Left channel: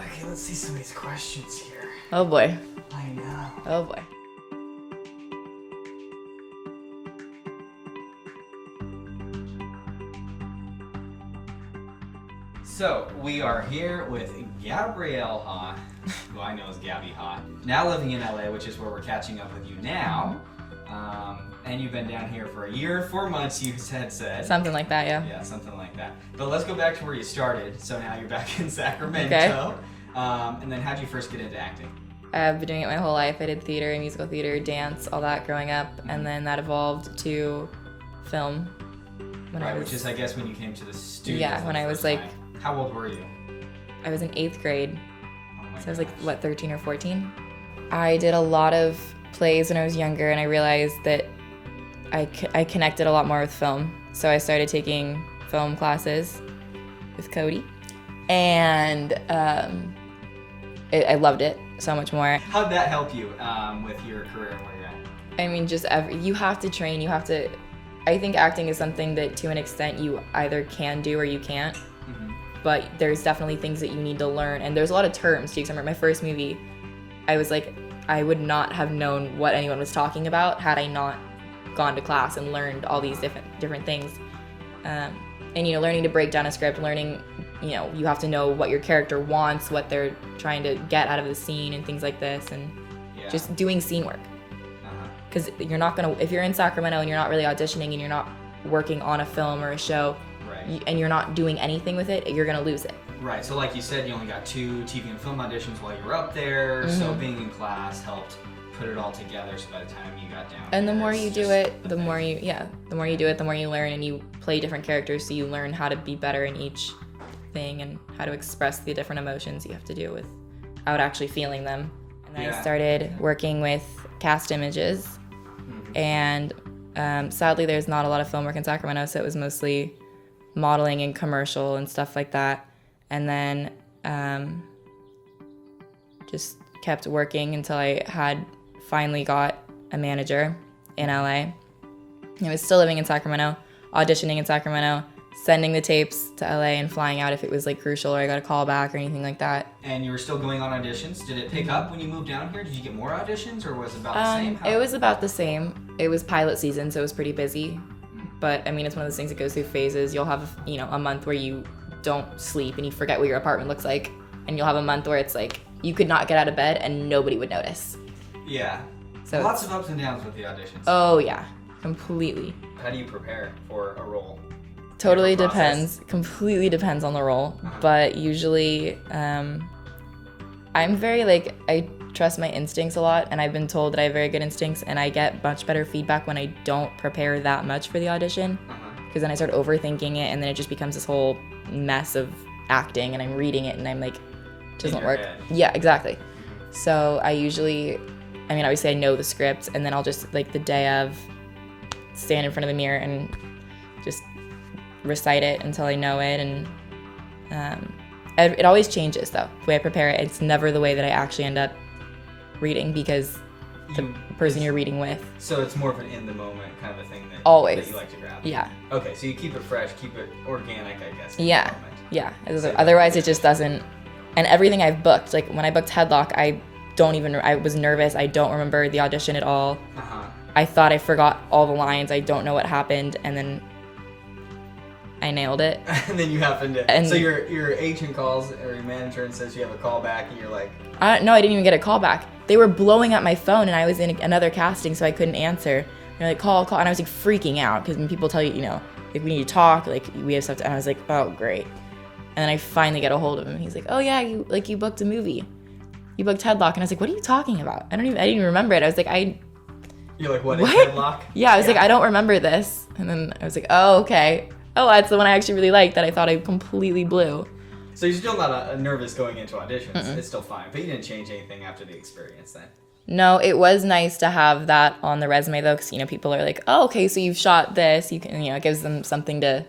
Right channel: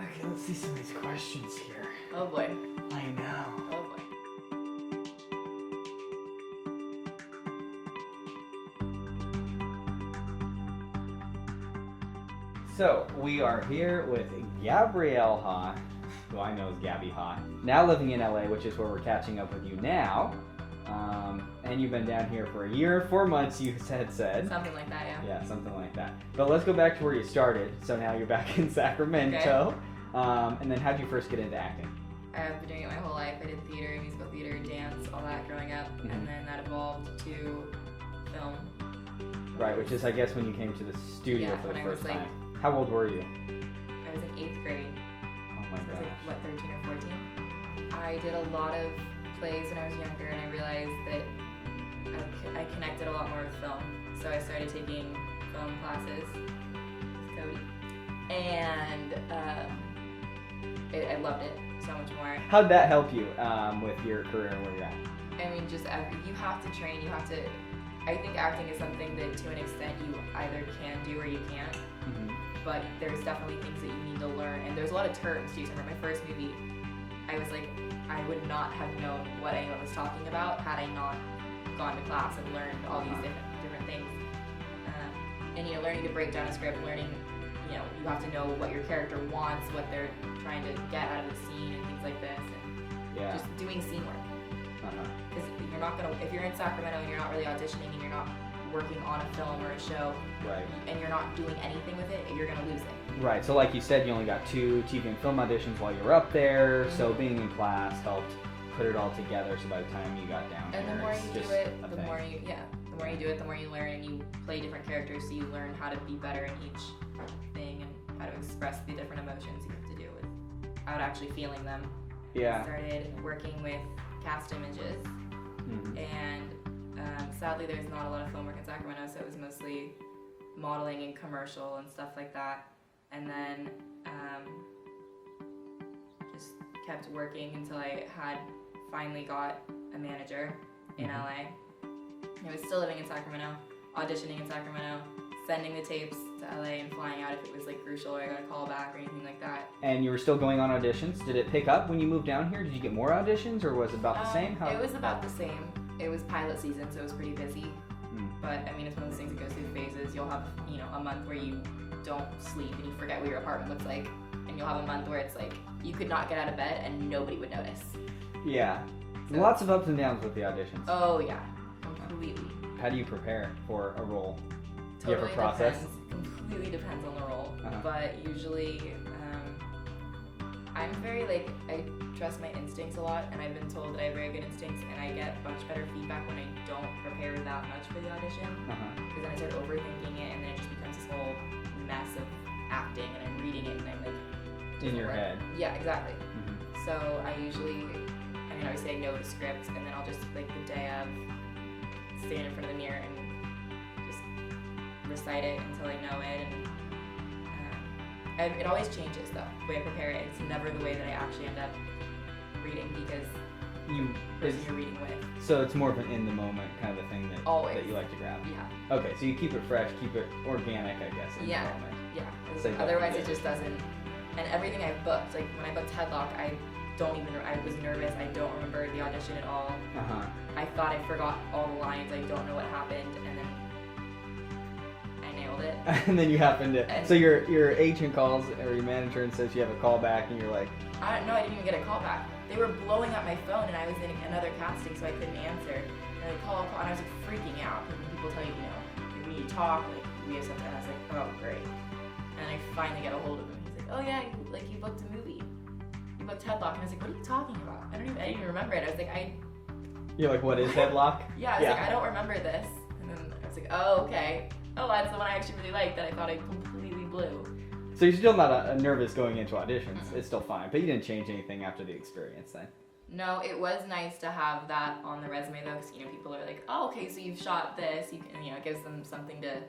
Okay, let's see some of these questions here. Oh boy. I know. Oh boy. So, we are here with Gabrielle Haugh, who I know as Gabby Haugh, now living in LA, which is where we're catching up with you now. And you've been down here for a year, 4 months, you had said. Something like that, yeah. Yeah, something like that. But let's go back to where you started. So now you're back in Sacramento. Okay. And then how'd you first get into acting? I've been doing it my whole life. I did theater, musical theater, dance, all that growing up, and then that evolved to film. Which is, I guess, when you came to the studio. Yeah, when I was like... How old were you? I was in 8th grade. Oh, So I was like, what, 13 or 14? I did a lot of plays when I was younger, and I realized that I connected a lot more with film. So I started taking film classes with Cody, and I loved it so much more. How'd that help you with your career and where you're at? I mean, just you have to train, you have to... I think acting is something that to an extent you either can do or you can't. But there's definitely things that you need to learn, and there's a lot of terms too. Because I remember my first movie, I was like, I would not have known what anyone was talking about had I not gone to class and learned all these different things. And learning to break down a script, learning, you have to know what your character wants, what they're trying to get out of the scene, and things like this, and just doing scene work. Because you're not gonna, if you're in Sacramento and you're not really auditioning and you're not working on a film or a show. Right. And you're not doing anything with it, you're gonna lose it. Right, so like you said, you only got 2 TV and film auditions while you were up there, so being in class helped put it all together, so by the time you got down and there, the more you do it, the more you do it, the more you learn, and you play different characters, so you learn how to be better in each thing and how to express the different emotions you have to do without actually feeling them. And then I started working with Cast Images, and sadly there's not a lot of film work in Sacramento, so it was mostly modeling and commercial and stuff like that, and then just kept working until I had finally got a manager in LA. I was still living in Sacramento, auditioning in Sacramento, sending the tapes to LA and flying out if it was like crucial or I got a call back or anything like that. And you were still going on auditions? Did it pick up when you moved down here? Did you get more auditions, or was it about the same? It was about the same. It was pilot season, so it was pretty busy. But I mean, it's one of those things that goes through phases. You'll have, a month where you don't sleep and you forget what your apartment looks like. And you'll have a month where it's like, you could not get out of bed and nobody would notice. Yeah. So lots of ups and downs with the auditions. Oh yeah, completely. How do you prepare for a role? Totally depends. Completely depends on the role. But usually, I'm very I trust my instincts a lot, and I've been told that I have very good instincts, and I get much better feedback when I don't prepare that much for the audition, because then I start overthinking it, and then it just becomes this whole mess acting, and I'm reading it and I'm like, it doesn't work. Yeah, exactly. So I usually, obviously I know the script, and then I'll just the day of stand in front of the mirror and just recite it until I know it. And it always changes though, the way I prepare it. It's never the way that I actually end up reading, because the person you're reading with. So it's more of an in the moment kind of a thing that, always. that you like to grab. Yeah. Okay, so you keep it fresh, keep it organic, I guess. Yeah. Yeah. Otherwise it just doesn't. And everything I've booked, like when I booked Headlock, I was nervous. I don't remember the audition at all. I thought I forgot all the lines. I don't know what happened, and then I nailed it. And then you happen to. So your agent calls, or your manager, and says you have a call back, and you're like. No, I didn't even get a call back. They were blowing up my phone, and I was in another casting, so I couldn't answer. They're like, call, and I was freaking out, because when people tell you, we need to talk, we have stuff to, and I was like, oh great. And then I finally get a hold of him. He's like, oh yeah, you booked a movie. You booked Headlock, and I was like, what are you talking about? I didn't even remember it. I was like, You're like, what is Headlock? Yeah, I was like, I don't remember this. And then I was like, oh, okay. Oh, that's the one I actually really liked that I thought I completely blew. So you're still not nervous going into auditions. It's still fine. But you didn't change anything after the experience then? No, it was nice to have that on the resume though, because people are like, oh, okay, so you've shot this. You can, it gives them something to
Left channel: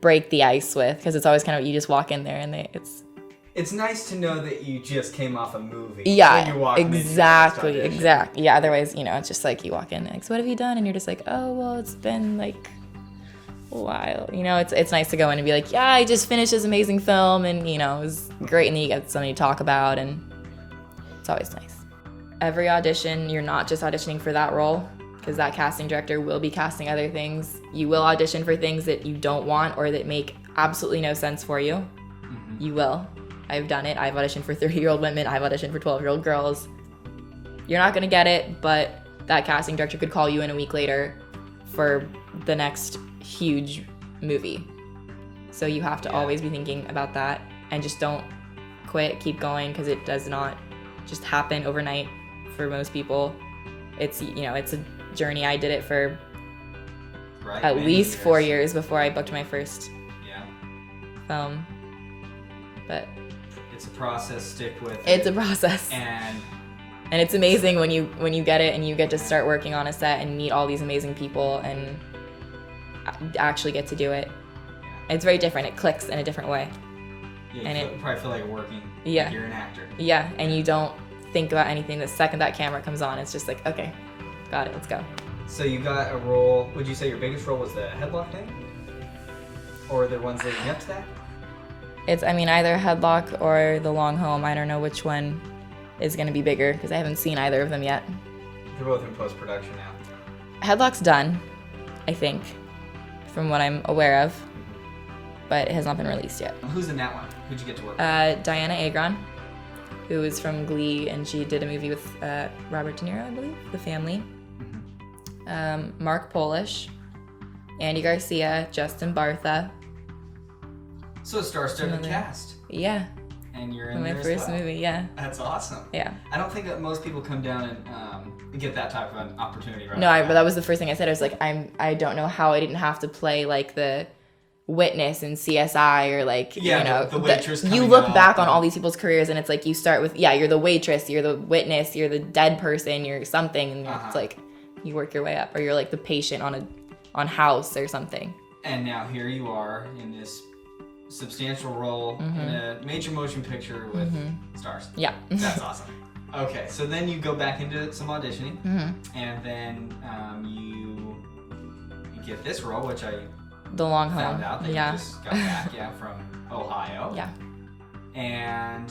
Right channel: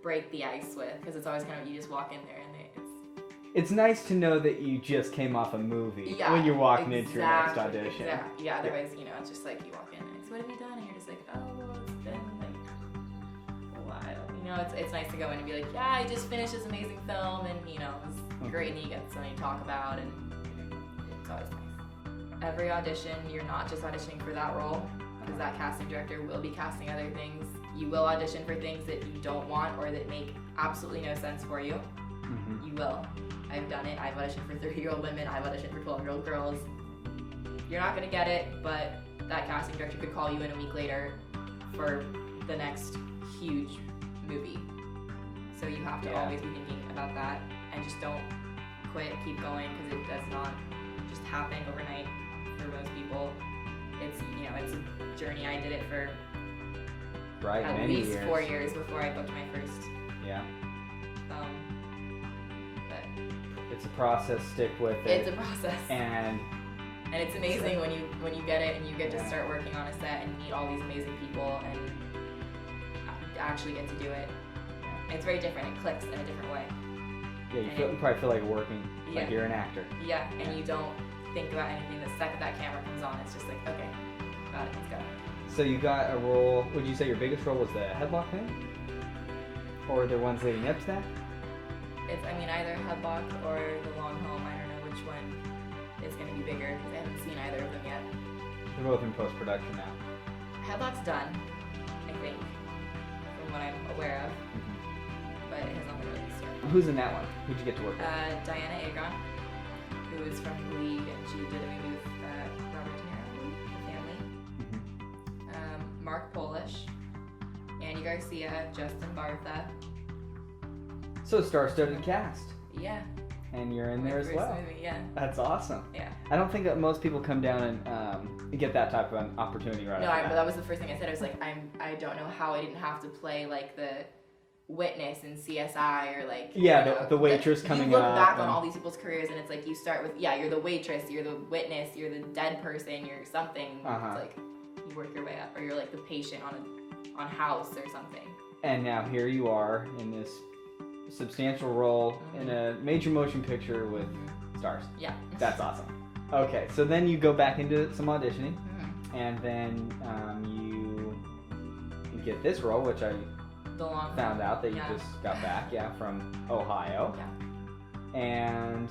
break the ice with, because it's always kind of, you just walk in there and it's nice to know that you just came off a movie. Yeah, when you're walking exactly. Yeah, otherwise, it's just like you walk in, like, so what have you done? And you're just like, oh, well, it's been while. You know, it's nice to go in and be like, yeah, I just finished this amazing film, and you know, it was great, and then you get something to talk about, and it's always nice. Every audition, you're not just auditioning for that role, because that casting director will be casting other things. You will audition for things that you don't want or that make absolutely no sense for you. You will. I've done it. I've auditioned for 30-year-old women. I've auditioned for 12-year-old girls. You're not gonna get it, but that casting director could call you in a week later for the next huge movie. So you have to always be thinking about that, and just don't quit, keep going, because it does not just happen overnight for most people. It's, you know, it's a journey. I did it for at least 4 years before I booked my first film. But it's a process, stick with it. It's a process. And it's amazing when you get it and you get to start working on a set and meet all these amazing people and actually get to do it. It's very different. It clicks in a different way. Yeah, you probably feel like you're working. Yeah. Like you're an actor. Yeah, and you don't think about anything the second that camera comes on. It's just like, okay, got it, let's go. So you got a role. Would you say your biggest role was the Headlock thing? Or the ones leading up to that? It's, I mean, either Headlock or The Long Home. I don't know which one is going to be bigger because I haven't seen either of them yet. They're both in post-production now. Headlock's done, I think, from what I'm aware of, but it has not been released yet. Who's in that one? Who'd you get to work with? Diana Agron, who is from Glee, and she did a movie with Robert De Niro, I believe, The Family. Mark Polish, Andy Garcia, Justin Bartha. So a star-studded cast. Yeah. And you're in my there as first well. movie, yeah. That's awesome. Yeah. I don't think that most people come down and get that type of an opportunity right No, now. but that was the first thing I said. I was like, I don't know how I didn't have to play like the witness in CSI or like, you know, the waitress. You look back on all these people's careers and it's like you start with, you're the waitress, you're the witness, you're the dead person, you're something, and it's like you work your way up, or you're like the patient on House or something. And now here you are in this substantial role in a major motion picture with stars. Yeah. That's awesome. Okay, so then you go back into some auditioning, and then you get this role, which I The Long Home. found out that you just got back, from Ohio. Yeah. And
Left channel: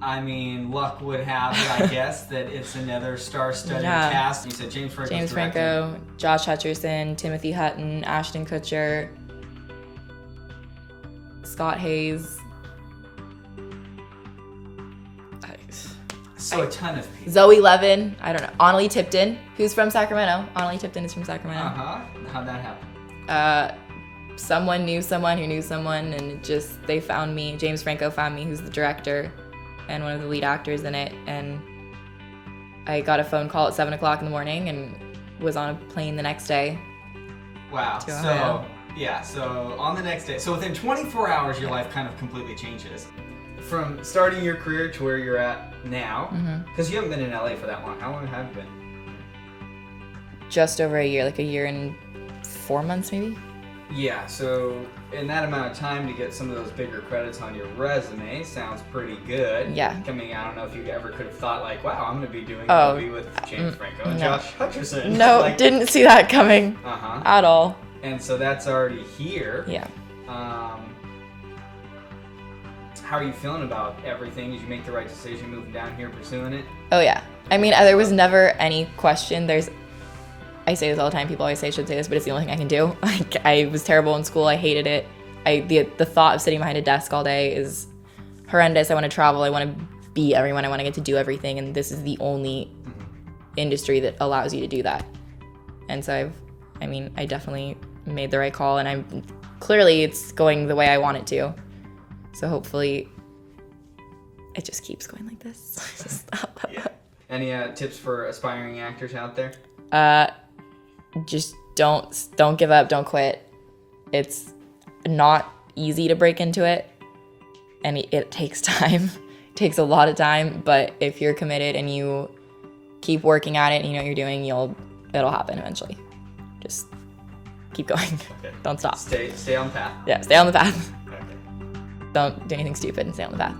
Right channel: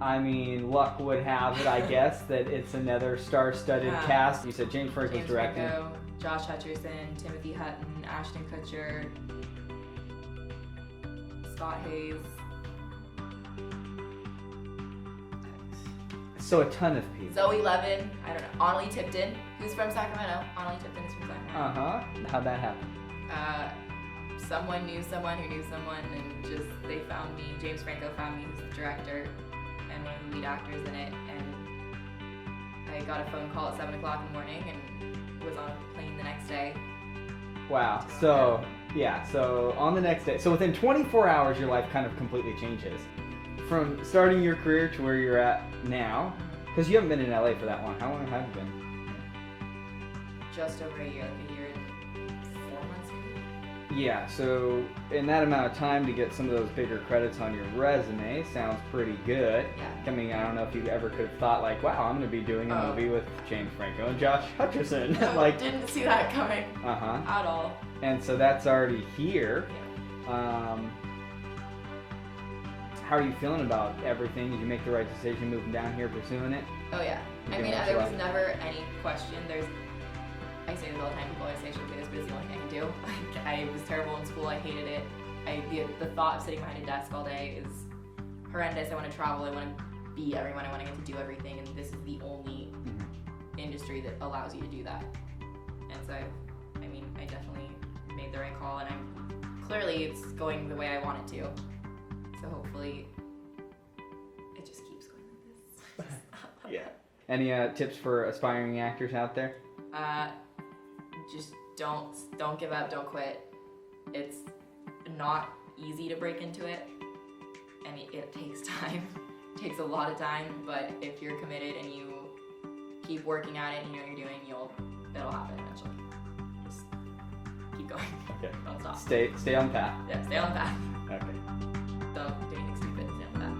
I mean, luck would have it, I guess, that it's another star-studded cast. You said James Franco. James Franco, Josh Hutcherson, Timothy Hutton, Ashton Kutcher, Scott Hayes. So a ton of people. Zoe Levin, I don't know. Annalie Tipton, who's from Sacramento. Annalie Tipton is from Sacramento. How'd that happen? Someone knew someone who knew someone, and they found me. James Franco found me, who's the director and one of the lead actors in it, and I got a phone call at 7 o'clock in the morning and was on a plane the next day. Wow. So on the next day, so within 24 hours, your life kind of completely changes. From starting your career to where you're at now, because you haven't been in LA for that long. How long have you been? Just over a year, like a year and 4 months maybe. Yeah, so in that amount of time to get some of those bigger credits on your resume sounds pretty good. Yeah. I mean, I don't know if you ever could have thought like, wow, I'm going to be doing a movie with James Franco and Josh Hutcherson. No, didn't see that coming at all. And so that's already here. Yeah. How are you feeling about everything? Did you make the right decision moving down here, pursuing it? Oh yeah. I mean, there was never any question. I say this all the time. People always say I should say this, but it's the only thing I can do. I was terrible in school. I hated it. The thought of sitting behind a desk all day is horrendous. I want to travel. I want to be everyone. I want to get to do everything. And this is the only industry that allows you to do that. And so I definitely made the right call, and clearly it's going the way I want it to. So hopefully it just keeps going like this. Yeah. Any tips for aspiring actors out there? Just don't give up, don't quit. It's not easy to break into it, and it takes time. It takes a lot of time, but if you're committed and you keep working at it and you know what you're doing, it'll happen eventually. Just keep going. Okay. Don't stop. Stay on the path. Yeah, stay on the path. Okay. Don't do anything stupid and stay on the path.